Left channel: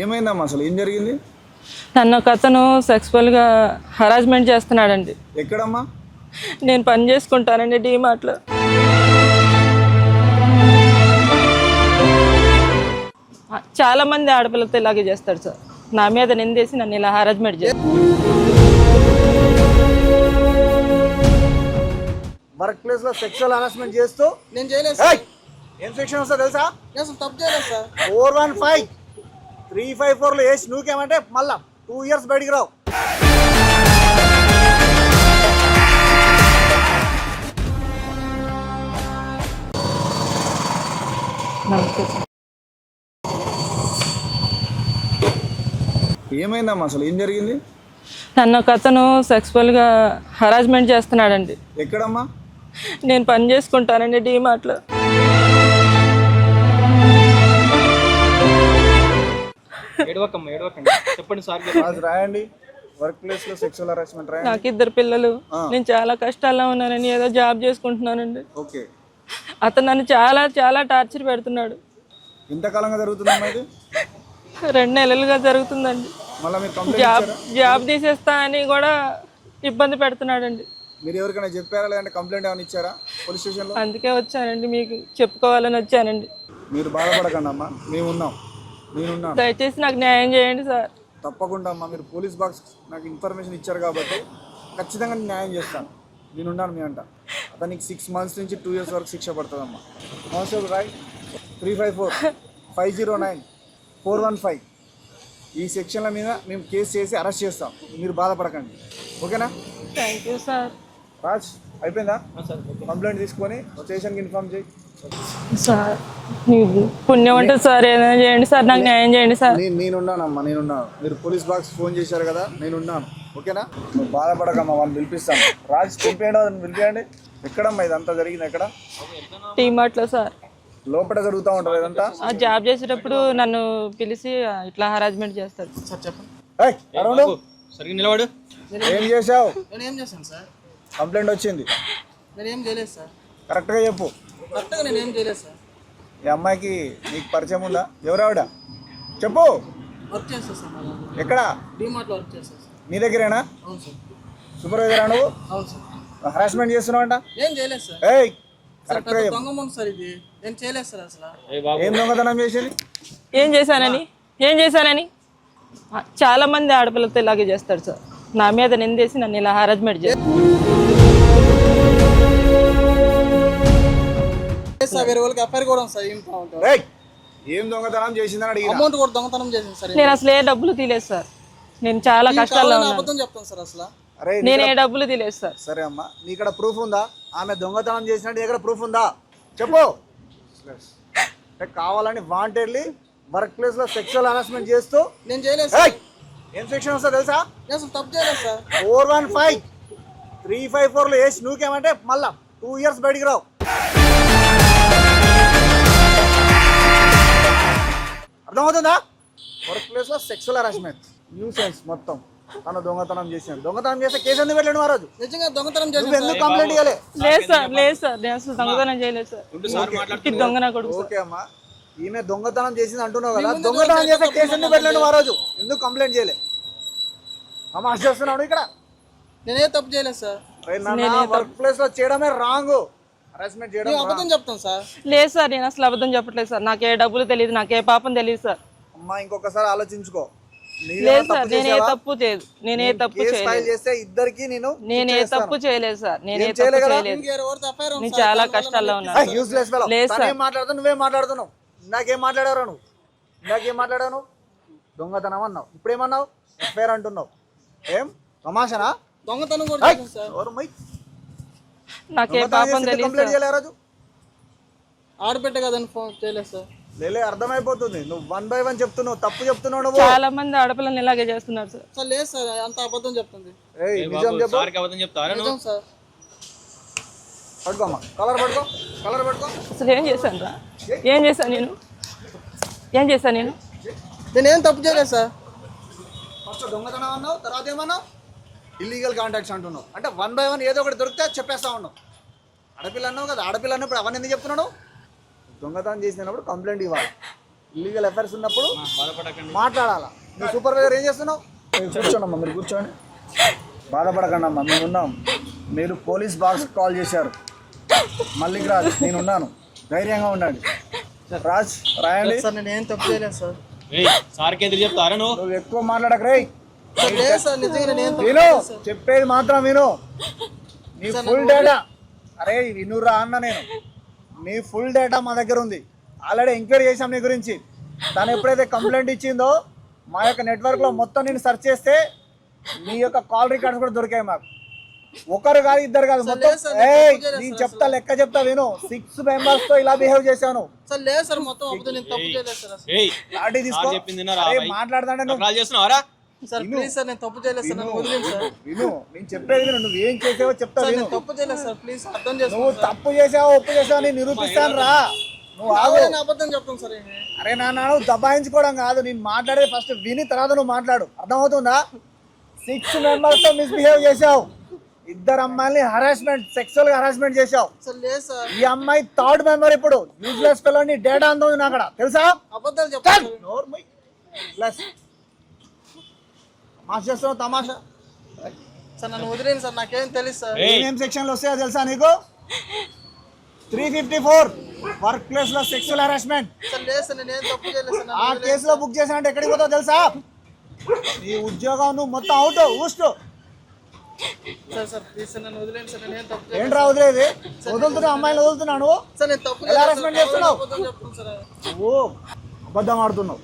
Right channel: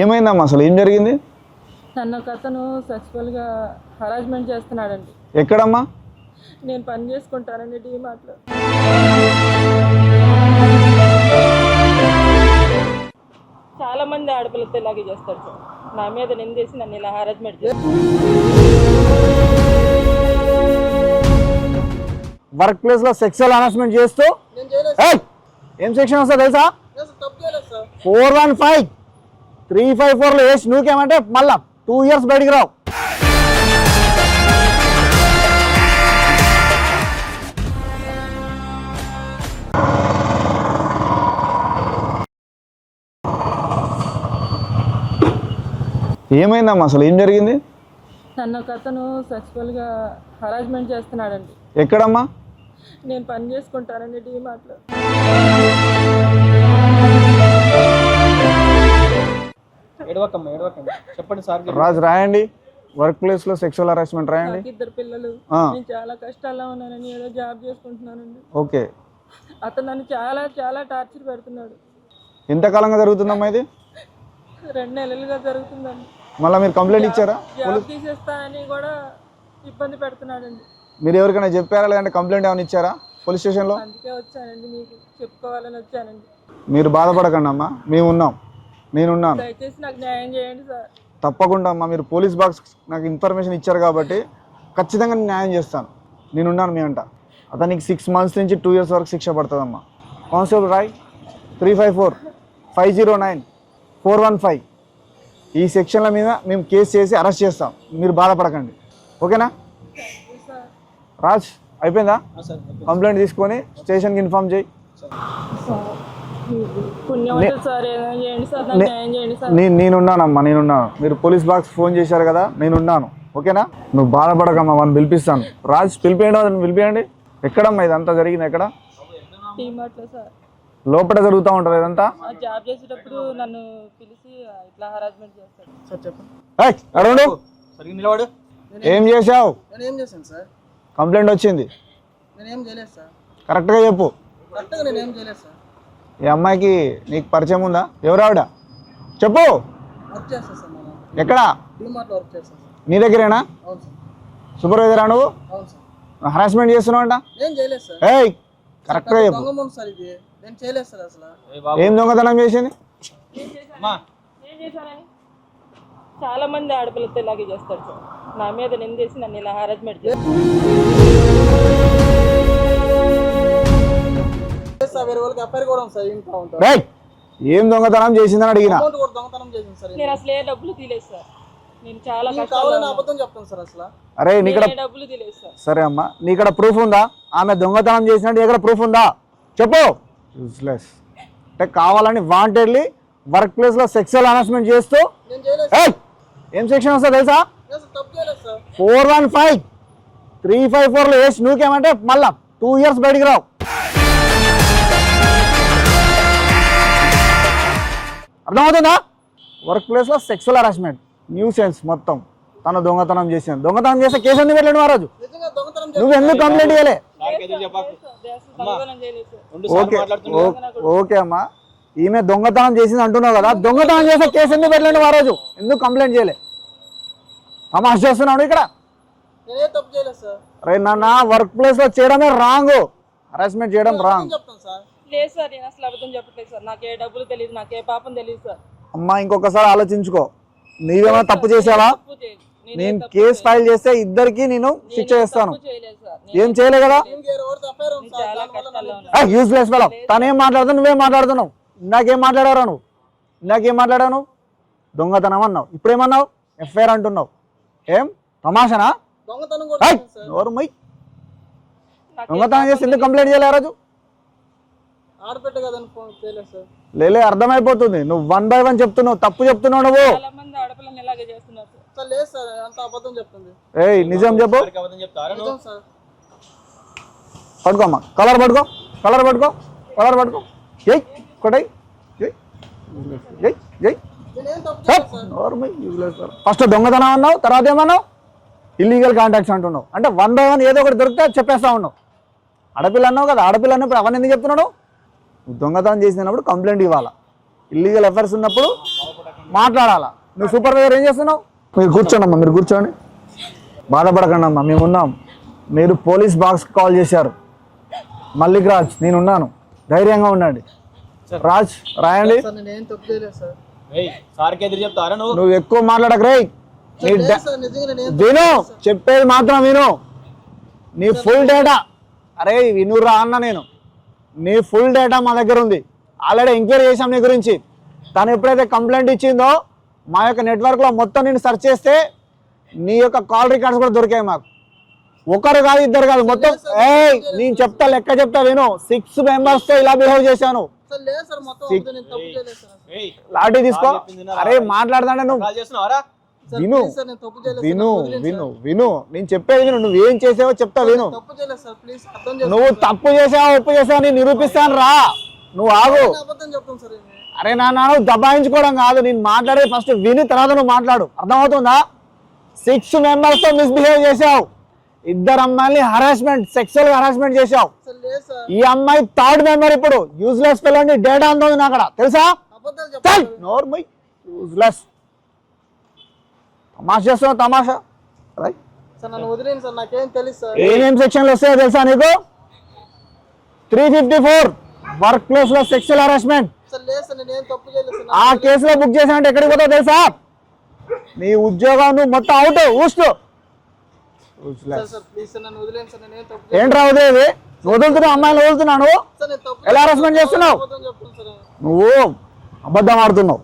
ఏమైందమ్మా అసలు ఏం జరిగింది? నన్ను ఒక అతను సెక్సువల్గా హరాస్మెంట్ చేస్తున్నాడండి. ఎక్కడమ్మా? నేను పని చేసుకుంటానండి డీమార్ట్లో. చాలా మంది ఆడపిల్లలతో ఇలాగే చేస్తాడు సార్. నా మీద నిందేసి నన్ను ఇలా హరాస్మెంట్ చేస్తాడు. వర్క్ ప్లేస్ లో సెక్షువల్ హరాస్మెంట్ చేస్తూ ఏం సెక్షన్ వస్తా తెలుసా? 415 354 లో వేసి నువ్వుకేమంటే మళ్ళా 2 years బయటికి రావు. ఏమైందమ్మా అసలు ఏం జరిగింది? నన్ను ఒక అతను సెక్సువల్గా హరాస్మెంట్ చేస్తున్నాడండి. ఎక్కడమ్మా? నేను పని చేసుకుంటానండి డీమార్ట్లో. చెప్పండి సార్. రాజు రాయండి, వర్క్ ప్లేస్ లో సెక్షువల్ హరాస్మెంట్ రాయండి. నాకు 2 పిల్లలు, నేను చాలా కష్టాల్లో ఉన్నానని ఏదో జాబ్ చేసుకుంటున్నానండి. ఓకే. అతను నన్ను చాలా చాలా టార్చర్ పెడుతున్నాడు. ఎంతకాలంగా జరుగుతుందమ్మా ఇది? 2 నెలలుగా జరుగుతుందండి. మళ్ళీ మీరు కంప్లైంట్ ఇచ్చారా? జాబ్ తీసేస్తా అని కూడా ఇబ్బంది పెడుతున్నాడండి. మీరు ఎవరికైనా చెప్పారా లేదంటే కంప్లైంట్ ఏమైనా ఇచ్చారా పోలీస్ స్టేషన్లో? అందుకే వచ్చానండి, మీకు చెప్పుకోవాలని వచ్చానండి. మీరు బాధపడకండి అమ్మా, మేమున్నాం, నేనున్నాను. దయచేసి నాకు న్యాయం చేయండి సార్. తప్పకుండా అమ్మా, మీరు పోలీస్ బాక్స్ నాకు ఇన్ఫర్మేషన్ ఇచ్చారు కాబట్టి ఖచ్చితంగా నేను న్యాయం చేస్తాను. నేనున్నాను మీ అంట. అతనికి 6 months నుంచి 2 years వరకు శిక్ష పడుతుందమ్మా. కానిస్టేబుల్ రాయ్ 354-509-415 ఈ సెక్షన్ల మీద మేము కేసు చేసి అరెస్ట్ చేస్తాం. మీరు బాధపడకండి, ఓకేనా? Thank you sir. రాజ్ అయిపోయిందా? కంప్లైంట్ తీసుకొని స్టేషన్కి ఇన్ఫార్మ్ చేయి సార్. పుణ్యం ఉంటుంది సార్, ఏదైనా చేయండి సార్, నాకు న్యాయం చేయండి సార్. నేనున్నానమ్మా, నేనున్నాను. మీరు పోలీస్ బాక్స్ ఫోన్ చేశారు కదా, నేనున్నాను, ఓకేనా? నువ్వు బాధపడకమ్మా, వాళ్ళని పిలిపిస్తాను. రాజ్ పిలిపియండి, వాళ్ళని పిలిపియండి. ఎక్కడమ్మా ఇదంతా జరిగింది? ఎక్కడ? డీమార్ట్లో సార్. లోపల జరుగుతూ ఉంటుంది ఇదంతా? జాబ్ చేసేటప్పుడు నన్ను పిలిచి ఇట్లా హరాస్మెంట్ చేస్తాడు. అరుణ్ నిలబడు. ఏం చేసావు? నేనేం చేశాను సార్? కంప్లైంట్ వచ్చింది, నేనేం చేయలేదు సార్. కరెక్ట్గా చెప్పు. కరెక్ట్గా నేనేం చేయలేదు సార్. ఈ అమ్మాయికి నీకు పరిచయం ఉందా? ఎవరు ఆవిడ? చెప్పు. వర్క్ చేస్తా సార్. ఎక్కడ? డీమార్ట్లో వర్క్ చేస్తా సార్. నీ దగ్గరేనా? అవును సార్. సూపర్వైజరా నువ్వు? అవును సార్. హరాస్మెంట్ చేస్తున్నావు అంట? ఏం చేయలేదు సార్. ఏయ్ కరెక్ట్గా చెప్పు. దొంగమూడు సార్ ఇది. నేను చేయలేదు సార్ అసలు. ఏం దొంగతనం చేసింది? ఏం చేశానని చాలా మంది ఆడపిల్లలతో ఇలాగే చేస్తాడు సార్. నా మీద నిందేసి నన్ను ఇలా హరాస్మెంట్ చేస్తాడు. వేరే వాళ్ళకి ఎఫ్ఐఆర్ కూడా ఉంది సార్. ఏం దొంగతనం చేసిందని అడిగిన. అమౌంట్ కూడా దొంగతనం చేసింది సార్. నేను అసలు ఏ డబ్బులు తీలేదు సార్. నేను చాలా కష్టాల్లో ఉన్నాను. అబద్ధం చెప్తాను సార్ అసలు. అరే నేను ఏ డబ్బులు తీలేదు సార్. సరే అమ్మా, నీ ఇక్కడ ప్రూఫ్ ఉందా? ఆమె దొంగతనం చేసినట్టు ఎక్కడ ప్రూఫ్ ఉందా? చెప్పు. యూస్లెస్ అంటే కావాలని వాంటెడ్లీ వర్క్ ప్లేస్ లో సెక్షువల్ హరాస్మెంట్ చేస్తూ. నేను చేయలేదు సార్. ఏం సెక్షన్ వస్తా తెలుసా? నేను అసలు తప్పు చేయలేదు సార్. 415-354 లో వేసి నువ్వుకేమంటే మళ్ళా 2 years బయటికి రావు. అర్థమవుతుందా? వర్క్ ప్లేస్ లో సెక్షువల్ హరాస్మెంట్ న్యూ సెన్స్ మొత్తం. తను దొంగతనం చేసాను. దొంగతనం చేస్తే కేసు ఎందుకు పెట్టలేడు ఆ రోజు? నిజంగా దొంగతనం నువ్వు ఎందుకు కంప్లైంట్ చేయలే? లేదు సార్, నేను అసలు దొంగతనం చేయలేదు సార్. ఓకే అమ్మా, ఈమె దొంగతనం చేసింది అంటున్నావు కదా, దొంగతనం చేస్తే కేసు ఎందుకు పెట్టలేడు ఆ రోజు? ఎందుకు కంప్లైంట్ చేయలే? అమ్మా చేస్తున్నాడు ఇక్కడ. నేనే తప్పు చేయలేదు సార్. అరే నాన్న, వర్క్ ప్లేస్ లో చేయడమే రాంగ్, హరాస్మెంట్ చేయడం రాంగ్. చెప్తాను సార్. లేదు సార్, నేను అసలు అబద్ధం చెప్పట్లేదు సార్. నాకే డబ్బులు తెలియదు, నాకే పాపం తెలియదు సార్. అమ్మా ఇంకొకసారి ఆలోచించుకో. నీవేమో తప్పు చేసావా? కేసు ఫైల్ చేస్తే ఇద్దరికి నేను తప్పు చేయలేదు సార్. ఏం చేయలేదు కదా? నేను చాలా కష్టాల్లో ఉన్నా. Useless fellow. తనేం మాట్లాడుతున్నావు, నువ్వేం మాట్లాడుతున్నావు? నాకేం మాట్లాడారా నువ్వు? నాకేం మాట్లాడావు నువ్వు? దొంగతనం అన్నావు, ఇప్పుడేమన్నావు? ఎఫ్ఐఆర్ అంటున్నావు. ఏం తమాషనా? దొంగతనం చేసి కంప్లైంట్ చేయలే ఆ రోజు? ఆడబెట్ట కదని ఫోన్ చేయలేదు సార్. లేలే, అర్థమైపోతుంది. నువ్వు 1 by 1 చెప్తున్నావు, తప్పు చెప్తున్నావు నువ్వు. చాలా మంది ఆడపిల్లల్ని ఇలాగే చేస్తున్నారు సార్. సార్ లేదు సార్, అంత అబద్ధం చెప్తుంది. ఏయ్ నిజం చెప్పు. నిజం సార్. పట్టుకోమ్మా, కలర్ పట్టుకో, కలర్ పట్టుకో, అసలు కలర్ పట్టుకో. ఏం చేశాను నేను? నేనేం తప్పు చేయలేదు సార్. ఫస్ట్ దొంగతనం అన్నావు, తర్వాత ఏమన్నావు? ఇల్లీగల్ కాంటాక్ట్స్ అంటున్నావు. అంటే 1 by 1 ఏదో ఒకటి దొరికితే చెప్పేస్తా ఉన్నావు. ఆడపిల్ల అన్నావు కదా, ఆడపిల్ల అన్నప్పుడు అవన్నీ ఎందుకు చెప్తున్నాడు? దొంగతనం చేసినప్పుడు కంప్లైంట్ ఇవ్వాలి. ఇల్లీగల్ అఫైర్స్ ఉన్నప్పుడు మాట్లాడాలా. నువ్వు సూపర్వైజర్ ఏం చేస్తున్నావు? మీరు కూర్చోండి అమ్మా, మీరు కూర్చోండి, బాధపడకండి అమ్మా, మేమున్నాం. మీరు పోలీస్ బాక్స్ కాల్ చేశారు. మల్లిక్ రాజ్ నేనున్నాను, ధైర్యంగా ఉండండి. రాజ్ రాయండి. సార్ నేను ఏం తప్పు చేయలేదు సార్. సార్కి ఎదురు చెప్తారా నువ్వు ఎక్కువ మాట్లాడక రేయ్. సార్ నిజంగా నేను విను, చెప్పేది మాత్రం విను. నీ ఫుల్ డేటా, అరే వినురా అన్న, నేను నీ ఫుల్ డేటా మా దగ్గర ఉంది. ఆల్రెడీ ఎంక్వైరీ చేసాం నీ గురించి. తను ఎప్పుడైతే కంప్లైంట్ ఇచ్చిందో మా యొక్క నెట్వర్క్లో మొత్తం నేను సెర్చ్ చేస్తే నీ యొక్క కాల్ రికార్డ్స్ కూడా దొరికాయి మాకు. ఒకరు కాదు, ఇద్దరు కాదు, మొత్తం. నేను చెప్తా, లెక్క చెప్తా విను. 6 members తో ఇలా బిహేవ్ చేశాను. సార్ లేదు సార్, మొత్తం అబద్ధం, నేను తప్పు చేయలేదు సార్ అసలు. లాఠీ తీసుకో. అరే మాట్లాడదాంటే నువ్వు చేస్తున్నావరా? సార్ విను. ప్లీజ్ సార్, నేను తప్పు చేయలేదు సార్. విను విను విను, నేను చెప్పేది విను. నువ్వు ఏం చేసావో చెప్తా విను. తప్పు చేయలేదు సార్, ప్లీజ్ అర్థం చేసుకోండి. నువ్వు తప్పు చేసావా ఒప్పు చేసావా నేను నిరూపిస్తాను రా. నువ్వు ఆగు. నేను అబద్ధం చెప్తాను సార్. అరే నాన్న, దబాయించుకోవడం కాదు, నేను మాట్లాడే ఫస్ట్ విని తర్వాత నువ్వు మాట్లాడు. అర్థమవుతుందా? 6 members తో మిస్బిహేవ్ చేసావు. 2 అమ్మాయిల్ని హరాస్మెంట్, సెక్సువల్ హరాస్మెంట్ చేసావు. సార్ లేదు సార్, ఈ అమ్మాయి 3rd member. ఇప్పుడు యూజ్లెస్ పిల్లని డేటా అంత ఉంది అక్కడ, తెలుసా? అబద్ధాలు చెప్తాను. నోర్మై యూజ్లెస్. తమాషా చేస్తున్నావు, తమాషా. సార్ నన్ను వదిలేండి సార్, నాకేం తెలుసు సార్. ఏమేం సెక్షన్లు వస్తాయో తెలుసా నీకు? 354 వర్క్ ప్లేస్ లో సెక్సువల్ హరాస్మెంట్. సార్ లేదు సార్, నేను ఏం తప్పు చేయలేదు సార్. ఆ కేసులో బుక్ చేసానంటే ఎక్కడికి పోతావు తెలుసా? నీ ఉద్యోగం నువ్వు మొత్తం out. Oust. Sir sir please sir, నన్ను వదిలేండి సార్, నేను ఏం తప్పు ఏంట్రా వదిలేది? వదులుతున్నావు, అమ్మాయిలు వదులుతున్నాను. సార్. నేను తప్పు ఎలా హరాస్మెంట్ చేస్తున్నావు? అబద్ధం చెప్తాను సార్. నువ్వు అబద్ధం ఆడుతున్నావు.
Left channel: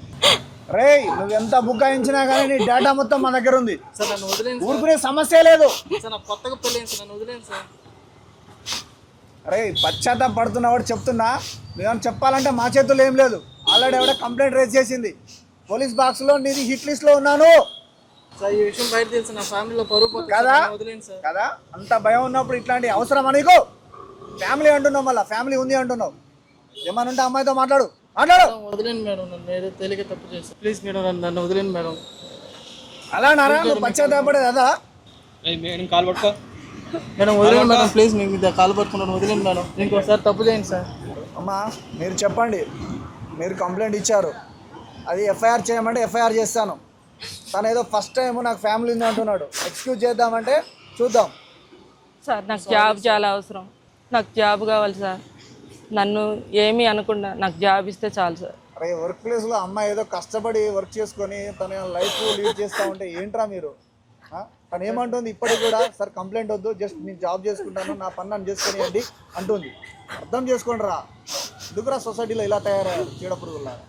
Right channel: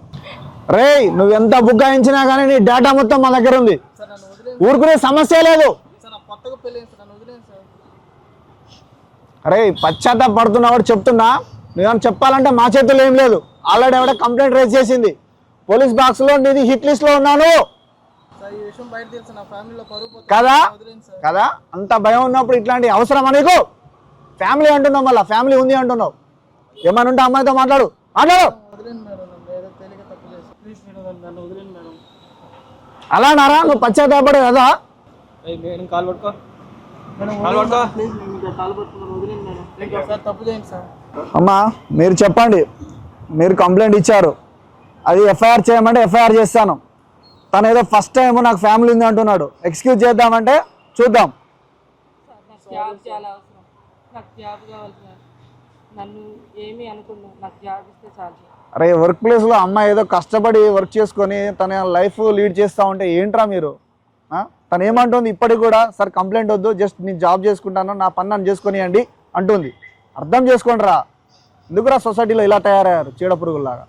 రే నువ్వు ఎంత బుగ్గాయించినా కానీ నీ డేటా మొత్తం మా దగ్గర ఉంది. సార్ నన్ను వదిలేండి ఊరుకునే సమస్య లేదు. సార్, నాకు కొత్తగా పెళ్ళేంటి సార్, నన్ను వదిలేండి సార్. అరే పశ్చాత్తాప పడుతున్నావు చెప్తున్నా. నువ్వేమన్నా చెప్పాలంటే మా చేతుల్లో ఏం లేదు. ఆల్రెడీ ఎవడ కంప్లైంట్ రేజ్ చేసింది. పోలీస్ బాక్స్ లో నీది హిట్ లిస్ట్ లో ఉన్నాను సార్. ఈ విషయం బయట తెలుసు, నా ఫ్యామిలీలో పరువు పోతుంది. కదా నన్ను వదిలేండి సార్. కదా. అంత భయం ఉన్నప్పుడు ఇట్లాంటి అవసరమా నీకు? ఫ్యామిలీ అంటున్నావు, మళ్ళీ ఫ్యామిలీ ఉంది అంటున్నావు. ఏమన్నా ఉంటే అమ్మాయితో మాట్లాడు. మాట్లాడు. వదిలేండి మేడం, నన్ను ఏదో తేలిక తప్పు చేస్తాను. ప్లీజ్ మేడం, నన్ను వదిలేండి మేడం. అలా నారా నువ్వు పశ్చాత్తాపడు కదా. కాల్ పట్టుకో. మేడం వదిలేండి మేడం, ప్లీజ్ మీకు మీద కాలు పట్టుకున్నాను, వదిలేండి మేడం. ఇంకోసారి తప్పు చేయండి సార్. అమ్మా మీరు చెప్పండి, మీరు కంప్లైంట్ ఇచ్చారు, అది ఎఫ్ఐఆర్ చేయమంటే ఎఫ్ఐఆర్ చేస్తాను. తను ఏదో ఫస్ట్ టైం నాకు ఫ్యామిలీ ఉంది అంటున్నాడు. ఎక్స్క్యూజ్ చేద్దామంటే చూద్దాం. సార్ నాకు జాబ్ చాలా అవసరం, నాకు జాబ్ కావాలి సార్. నన్ను ఏమీ అనకుండా నాకు జాబ్ ఇస్తే చాలు సార్. అరే వర్క్ ప్లేస్లో అమ్మాయి ఏదో కష్టపడి వర్క్ చేసుకొని తన లైఫ్ లీడ్ చేస్తూ ఉంటే ఏంట్రా మీరు? తను ఏమంటుంది ఇప్పటికి కూడా? సార్ కంప్లైంట్ వద్దు, జస్ట్ నేను జాబ్ చేసుకుంటాను, నా పని నన్ను చేసుకునియండి అంటుంది. అర్థం చేసుకోండి రా. ఎందుకురా సొసైటీలో ఇలా తయారయ్యారు చీడ పురుగులాగా?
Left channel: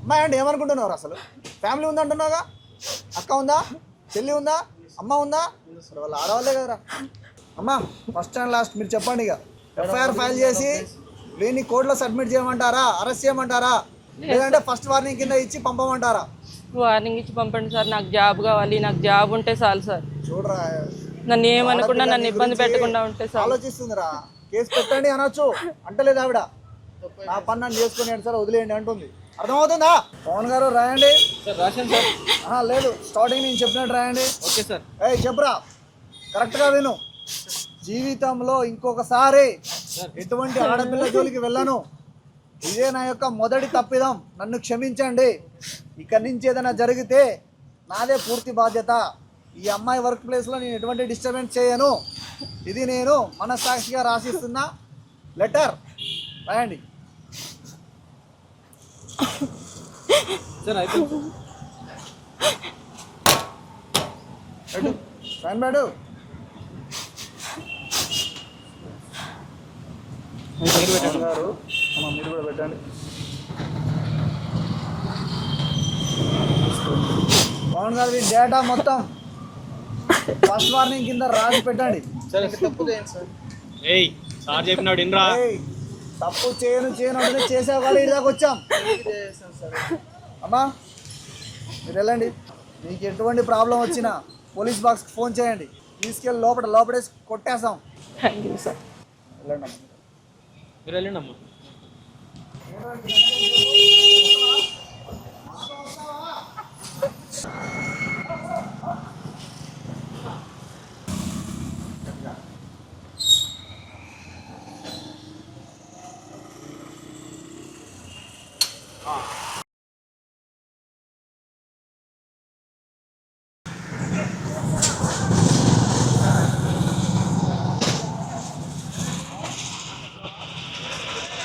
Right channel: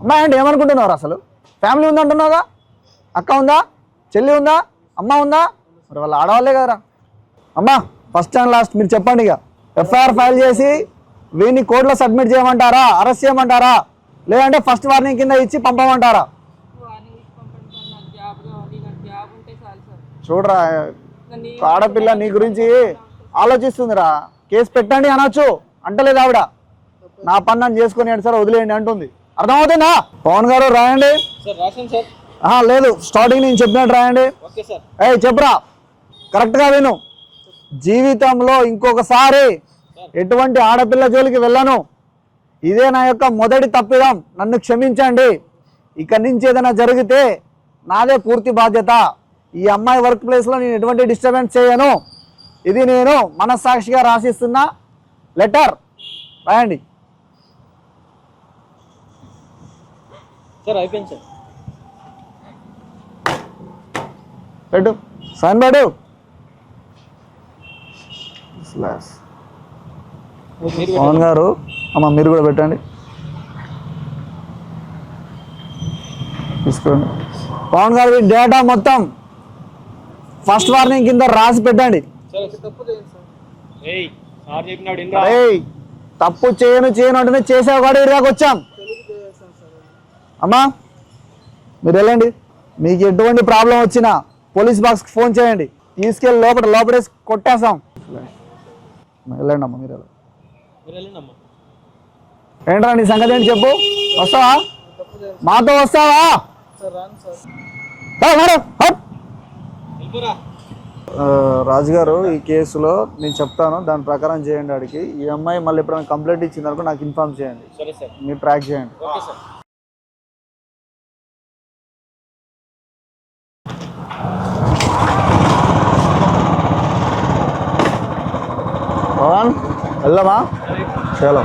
అమ్మాయి అంటే ఏమనుకుంటున్నారు అసలు? ఫ్యామిలీ ఉందంటున్నావుగా, అక్క ఉందా, చెల్లి ఉందా, అమ్మ ఉందా? మరి వాళ్ళు ఆడవాళ్ళే కదరా. అమ్మా ఫస్ట్ అండ్ లాస్ట్ మీరు చెప్పండి. ఇక ఎఫ్ఐఆర్ ఫైల్ చేసి వీడిని కోర్టులో సబ్మిట్ చేయమంటారా, అరెస్ట్ చేయమంటారా, లేదంటే ఫస్ట్ వార్నింగ్ కింద ఇచ్చి పంపమంటారా? వార్నింగ్ ఇచ్చి పంపండి సార్, నాకు జాబ్ కావాలి, నాకు జాబ్ ఉంటే చాలు సార్. చూడరా నన్ను ఆడపిల్ల ఏమనుకుంటా నీ గురించి ఉంటే ఆలోచిస్తుందిరా. కేసు పెట్టండి అనొచ్చు, అంటలేదు ఆవిడ. నా పని నన్ను చేసుకుని సార్ వదిలేయండి అంటుంది. అర్థమవుతుందా? పవన్ గారు రాయండి. లేదు స్టార్టింగ్ నేను చెప్పినట్టు రాయండి. చెప్పురా, కరెక్ట్గా విను. జీవితంలో ఇంకొకసారి ఎటువంటి ఆడపిల్ల జోలికి వెళ్ళను. ఇదే నా యొక్క మొదటి తప్పిదం, నన్ను క్షమించండి. ఇక్కడి నుంచి ఏదైనా జరిగితే నాదే పూర్తి బాధ్యత. ఈ అమ్మాయి వర్క్ ప్లేస్లో నేను ఎటువంటి డిస్టర్బెన్స్ చేయను. ఇది నేను మనస్సాక్షిగా రాసిస్తున్న లెటర్. రాయండి. పెట్టు, సైన్ పెట్టు. పవన్ గారు అమ్మ మీరు కూడా పెట్టండి. తీసుకోండి. పవన్ గారు డేటా మొత్తం ఫస్ట్ వార్నింగ్ కింద రాసి పెట్టండి. తప్పు చేయను అంటే చేసే కూడా ఇరాకు వచ్చాం. అమ్మా మీరు వెళ్ళండి. మీకు ఎటువంటి ప్రాబ్లం వచ్చినా పోలీస్ బాక్స్కి ఫోన్ చేయండి, తీసుకెళ్ళి లోపడేసి కొట్టేస్తాం. వెళ్ళండి అమ్మా, మీరు ఏంట్రా నీ సంగతి ఏంటి చెప్పు. వస్తావా, మాతో వస్తావా? రాజు గారు ఈ కేసులో నేను చెప్తాను, దాని ప్రకారం చేయండి. అడిగి ఈ అమ్మాయి మళ్ళీ ఎప్పుడైనా కంప్లైంట్ ఇచ్చిందనుకో నాకు ఇన్ఫార్మ్ చేయండి, మీరు ట్రాక్ చేయండి. పవన్ వెళ్దామా? చలో.